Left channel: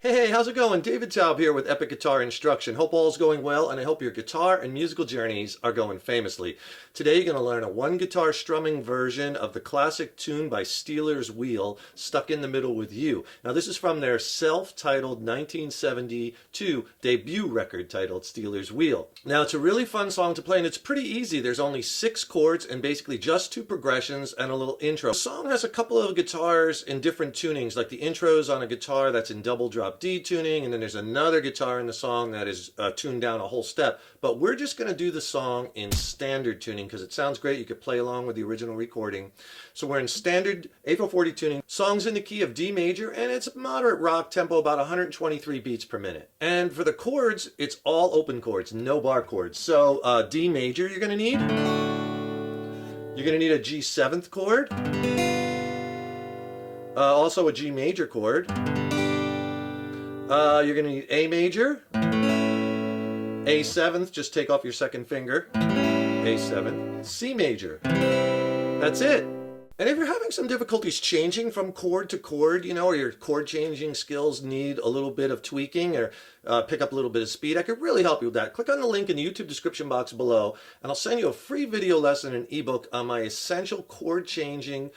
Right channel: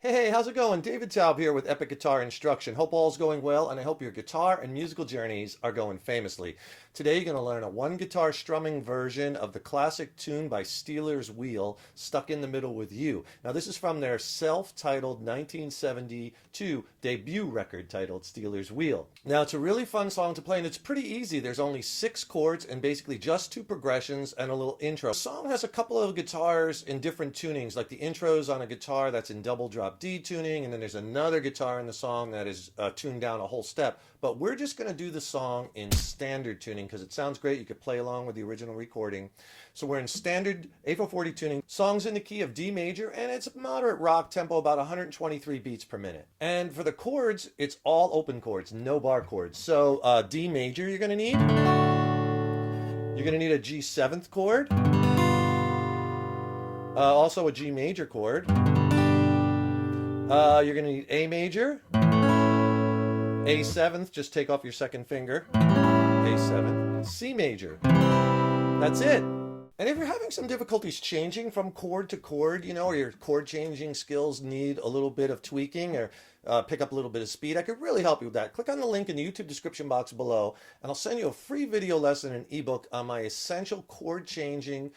Hey, how's it going? David Taub here with Epic Guitar Instruction. Hope all's going well, and I hope your guitar and musical journeys are going famously. Today you're going to learn a one guitar strumming version of the classic tune by Steeler's Wheel, Stuck in the Middle with You. Now this is from their self-titled 1972 debut record titled Steeler's Wheel. Now it's a really fun song to play, and it's pretty easy. There's only 6 chords and basically just 2 progressions and a little intro. The song has a couple of guitars in different tunings, like the intro's on a guitar that's in double drop D tuning, and then there's another guitar in the song that is tuned down a whole step. But we're just going to do the song in standard tuning because it sounds great. You could play along with the original recording. So we're in standard A440 tuning. Song's in the key of D major, and it's a moderate rock tempo, about 123 beats per minute. And for the chords, it's all open chords, no bar chords. So D major you're going to need. You're going to need a G7th chord. Also a G major chord. You're going to need A major, A7th, just take off your second finger, A7, C major. That's it. And if you're having some difficulties changing from chord to chord, or your chord changing skills need a little bit of tweaking or pick up a little bit of speed, I could really help you with that. Click on the link in the YouTube description box below, and I'll send you a free video lesson and ebook on my essential chord changing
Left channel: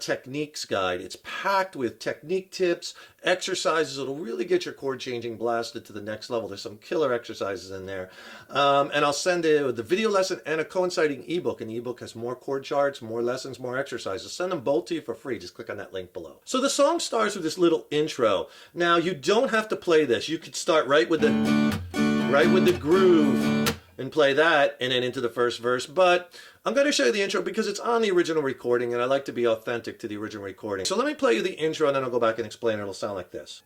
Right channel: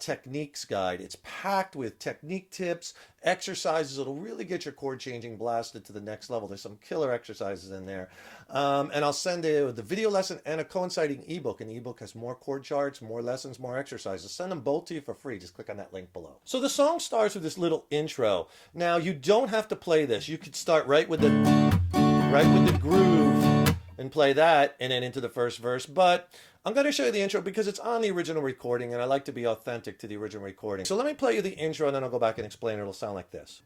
techniques guide. It's packed with technique tips, exercises. It'll really get your chord changing blasted to the next level. There's some killer exercises in there. And I'll send the video lesson and a coinciding ebook. And the ebook has more chord charts, more lessons, more exercises. Send them both to you for free. Just click on that link below. So the song starts with this little intro. Now you don't have to play this. You could start right with the groove and play that and then into the first verse. But I'm going to show you the intro because it's on the original recording and I like to be authentic to the original recording. So let me play you the intro and then I'll go back and explain it. It'll sound like this.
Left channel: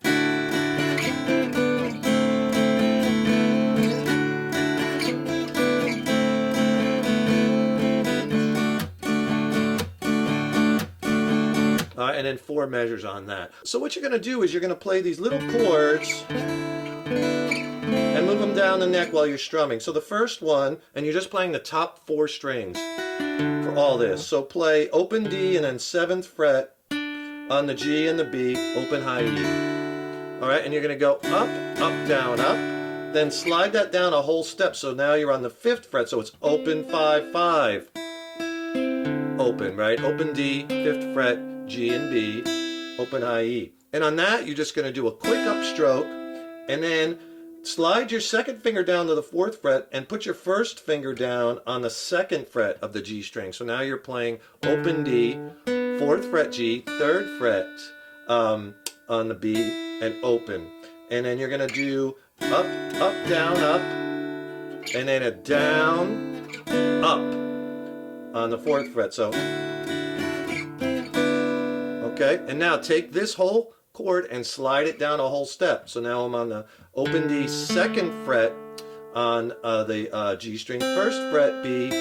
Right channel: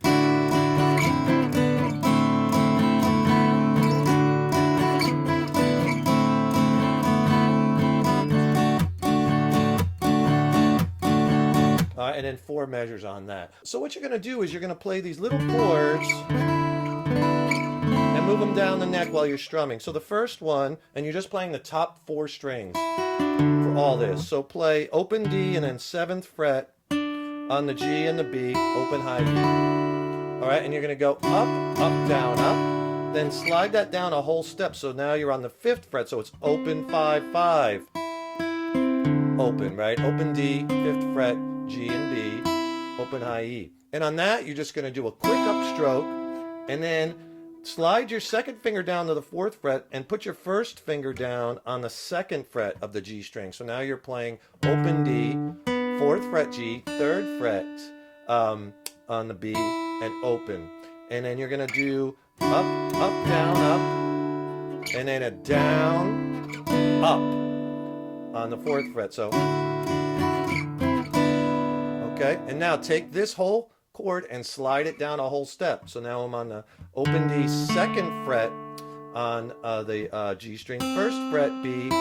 All right, and then 4 measures on that. So what you're going to do is you're going to play these little chords and move them down the neck while you're strumming. So the first one, and you're just playing the top 4 strings for all this. So play open D and then 7th fret on the G and the B, open high E. All right, and you're going to go up, up, down, up. Then slide that down a whole step. So now you're on the 5th fret, so it's open 5, 5. Open, right? Open D, 5th fret, G and B, open high E. And on that, you're just going to do a quick upstroke and then slide your second finger down to the 4th fret and put your first finger down on the 2nd fret of the G string. So now you're playing open D, 4th fret G, 3rd fret on the B, and open. And then you're going to do up, up, down, up, and then a down, up on the 4th fret. So, okay, and now take this whole chord and slide it down a whole step. So now I'm on the open D, 2nd fret on the G string, 1st fret B,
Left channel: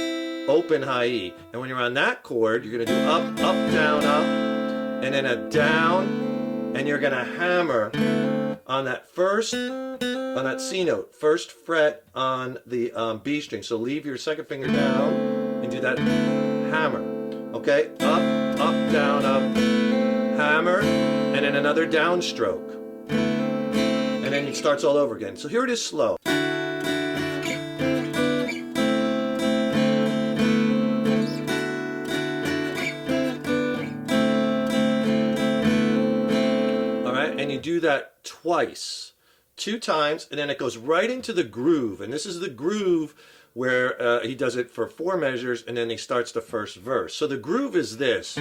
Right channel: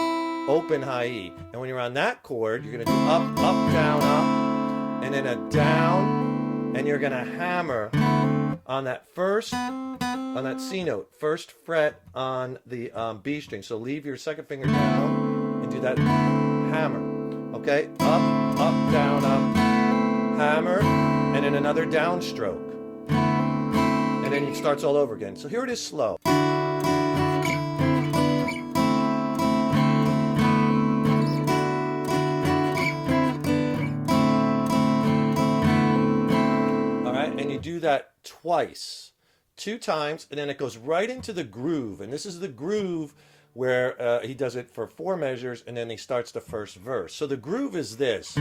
open high E. And when you're on that chord, you're going to do up, up, down, up, and then a down, and you're going to hammer on that on that C note, 1st fret on the B string. So leave your 2nd finger down and do that hammer. Okay, up, up, down, up, hammer, and then another downstroke. And then it starts all over again. So here it is slow. All right, and you do that twice, 2 times, and then it goes right into the groove. And this is the groove where he does it for 4 measures, and then he starts the first verse. So the groove is this.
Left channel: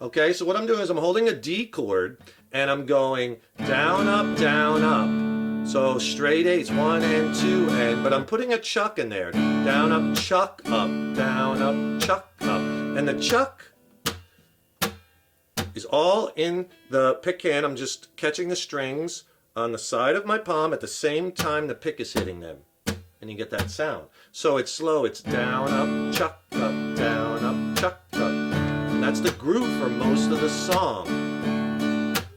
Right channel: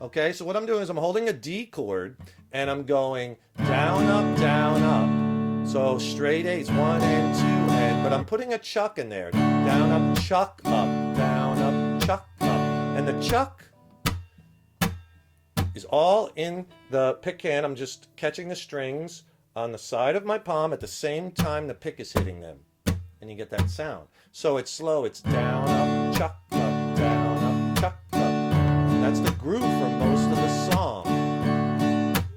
Okay, so what I'm doing is I'm holding a D chord, and I'm going down, up, down, up. So straight A's, 1 and 2, but I'm putting a chuck in there. Down, up, chuck, up, down, up, chuck, up. And the chuck is all in the pick hand. I'm just catching the strings on the side of my palm at the same time the pick is hitting them. And you get that sound. So it's slow, it's down, up, chuck, up, down, up, chuck, up. And that's the groove for most of the song.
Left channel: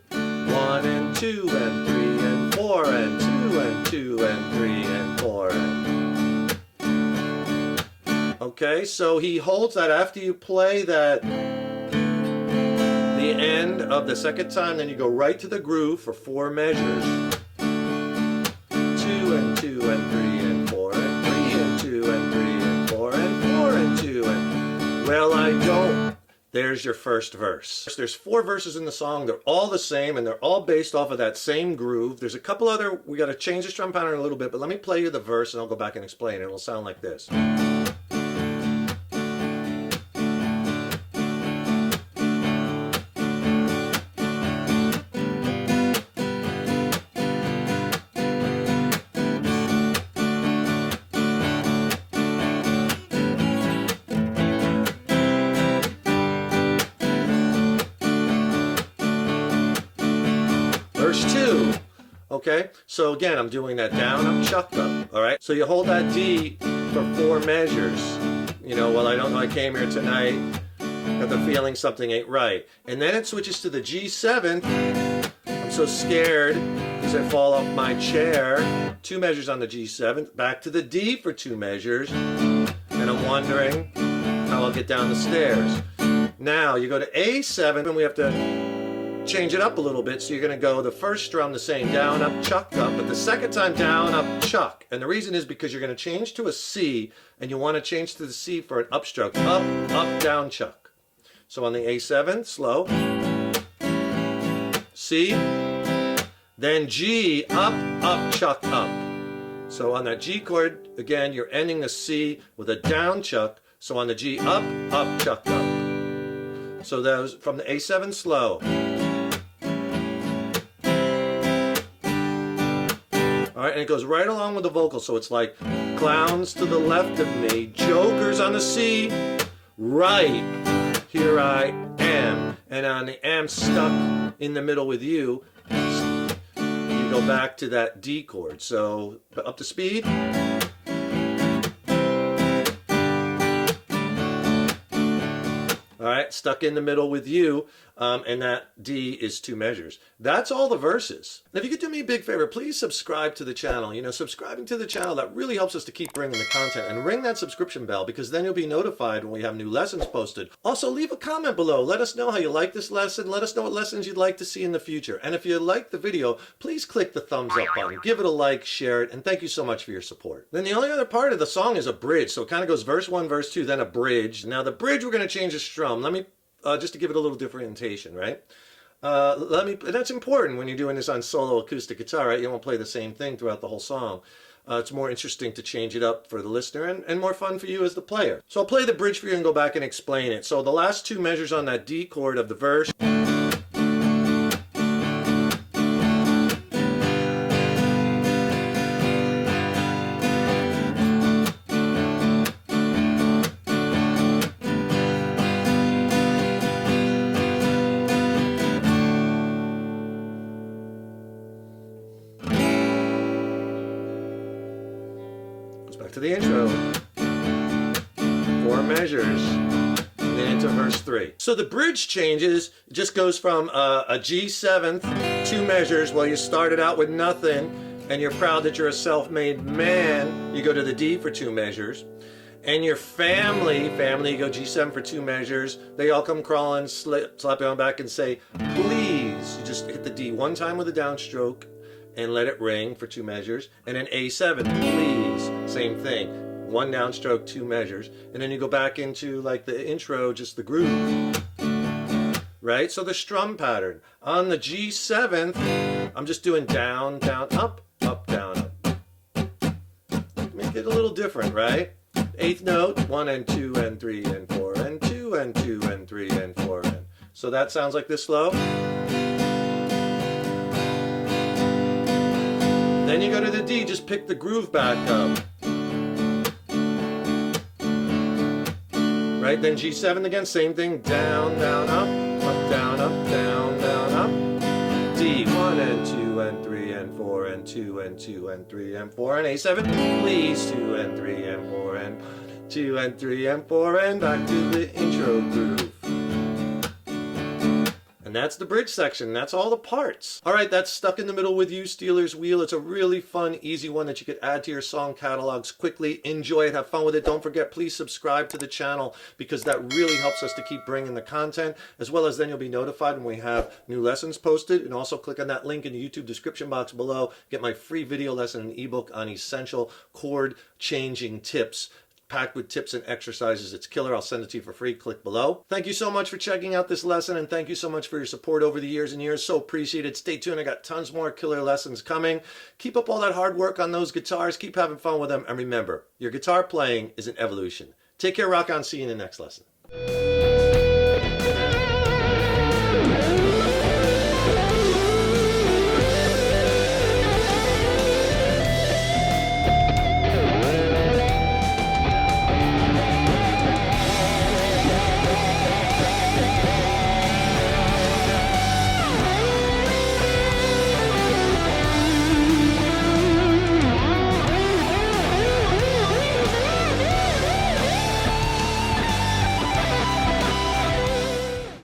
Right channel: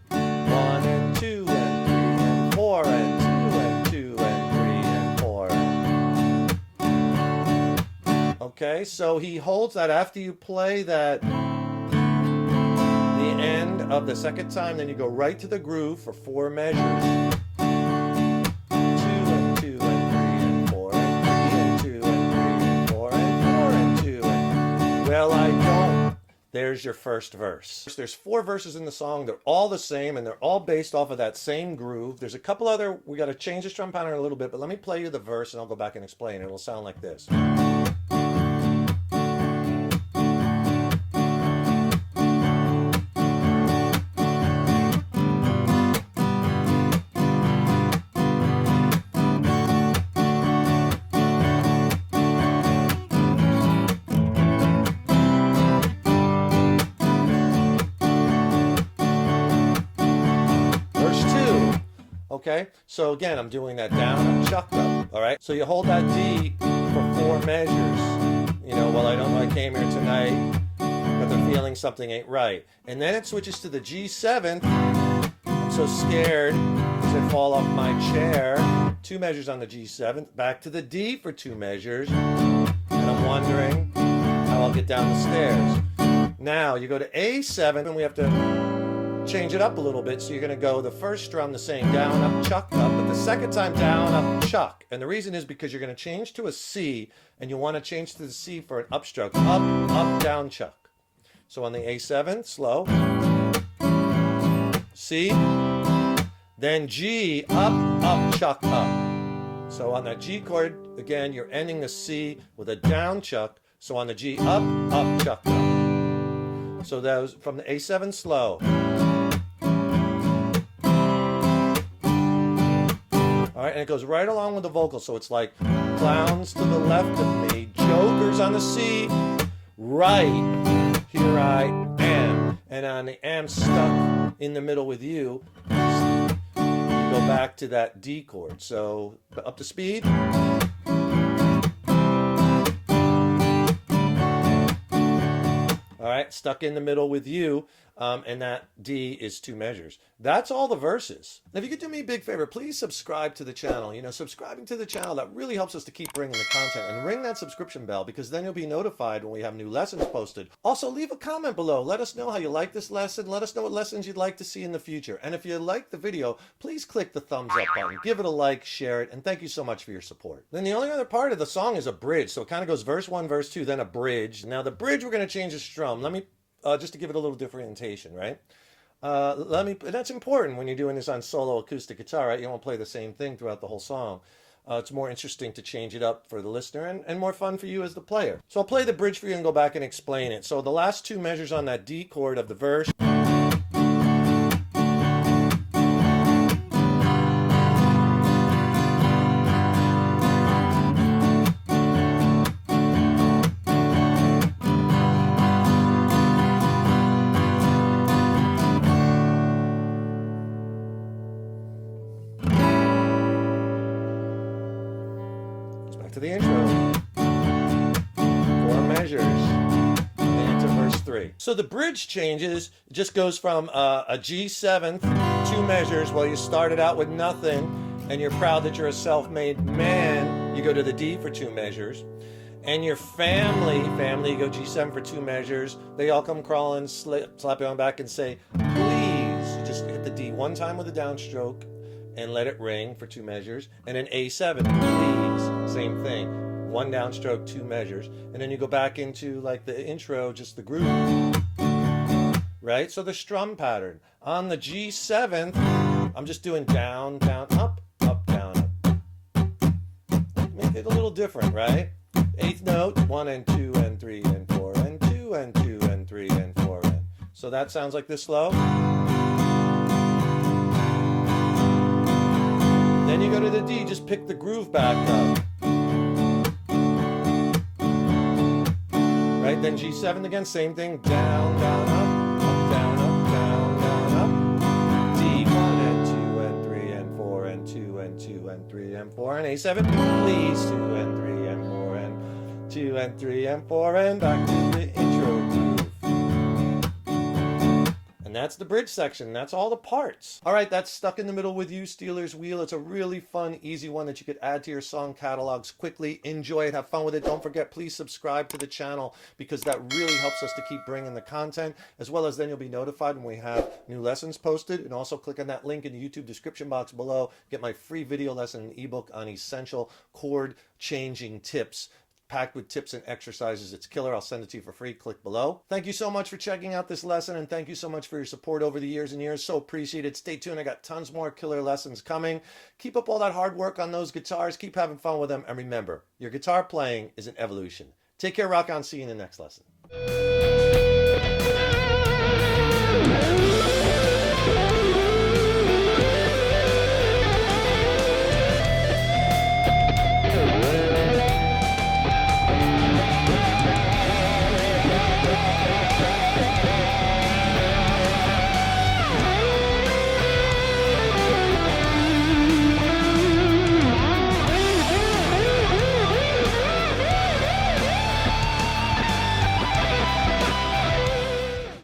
1 and 2 and 3 and 4 and 2 and 2 and 3 and 4. Okay. Okay, so he holds that after you play that, the end of the second time, then you go right to the groove for 4 measures. 2 and 2 and 3 and 4 and 3 and 2 and 3 and 4 and 4 and 2 and, well, I don't. There's your first verse. There's 4 verses in the song. They're all the same, and they're all based off of that same groove. There's a couple other, we got to change the strum pattern a little bit, but let me play you the verse and I'll go back and explain it. It'll sound like this. Okay, so again, I'm doing that down, up, chuck, up, all right? So you hold that D for 4 measures. You know, well, I don't know, I came here tonight, got the feeling something ain't right. And then it switches to the G7. I'm so scared because I fall off my chair. 2 measures on the G7, back to the D for 2 measures. And I'm wondering how I'll get down the stairs. Now, you go to A7, and we have to change it up a little bit, so you're going to go the first strum the same, down, up, chuck, up, but the second time down, up, chuck. And the reason is because you're going to change to a C, and you want to change to the C for an upstroke. Up, up, down, chuck. So on the A7, slow. C. Then G, up, up, chuck, up. So on that G chord, again, you're ending the C with a down chuck. So on the G, up, up, chuck, up. So those from the A7, slow. All right, and it goes right along with the vocal, so it's like clowns to the left of me, jokers on the C, right, here I am. And on the am stuck in the middle with you, you go back to that D chord. So up to speed. All right, stuck in the middle with you, and that D is 2 measures. That's all the verses. Now, if you could do me a big favor, please subscribe to the channel. You know, subscribing to the channel, that really helps us to keep bringing the content. And ring that subscription bell, because then you'll be notified when we have new lessons posted. Also, leave a comment below. Let us know how you like this lesson. Let us know what lessons you'd like to see in the future. And if you like the video, please click the thumbs up button. Give it a like, share it, and thank you so much for your support. Then the only other part of the song is a bridge. So it kind of goes verse 1, verse 2, then a bridge. Now the bridge, we're going to change the strum. Let me, just to give it a little differentiation, right? And that's important when you're doing this on solo acoustic guitar, right? You don't want to play the same thing throughout the whole song. It's more interesting to change it up for the listener and more fun for you as the player. So I'll play the bridge for you and go back and explain it. So the last 2 measures on that D chord of the verse. Back to the intro. 4 measures. Then into verse 3. So the bridge changes. It just goes from a G7th, 2 measures. Well, you started out with nothing, and you're proud that you're a self-made man. You go to the D for 2 measures. And your family, you go G7 for 2 measures. They all come crawling, slap you on back and say, please. You just hit the D 1 time with a downstroke and let it ring for 2 measures. And then A7, please, same thing. 1 downstroke, 2 measures. And then you go back into like the intro, just the groove. Right? So the strum pattern. On the G7th, I'm just doing down, down, up, up, down, up. Make it a little different, right? 8th note, 1 and 2 and 3 and 4 and 2 and 2 and 3 and 4 and. So that sounds like this slow. Then you go to the D, just pick the groove back up. Right, then G7 again, same thing, down, down, up, down, up, down, down, up. D, 1 and 2 and 3 and 4 and 2 and 2 and 3 and 4 and A7, please, 2 and 3 and 4 and 2 and 3 and 4 and back to the intro groove. And that's the bridge section. That's all the parts. All right, that's Stuck in the Middle with You, Stealers Wheel. It's a really fun, easy one that you could add to your song catalogs quickly. Enjoy it. Have fun with it. Don't forget, please subscribe to the channel because that really helps us to keep bringing the content, as well as then you'll be notified when we have new lessons posted. And also click on that link in the YouTube description box below. Get my free video lesson and ebook on essential chord changing tips, packed with tips and exercises. It's killer. I'll send it to you for free. Click below. Thank you so much for checking out this lesson, and thank you so much for your support over the years and years. So appreciated. Stay tuned. I got tons more killer lessons coming. Keep up all that hard work on those guitars. Keep having fun with them. And remember, your guitar playing is an evolution. Take care, rock on. See you in the next lesson.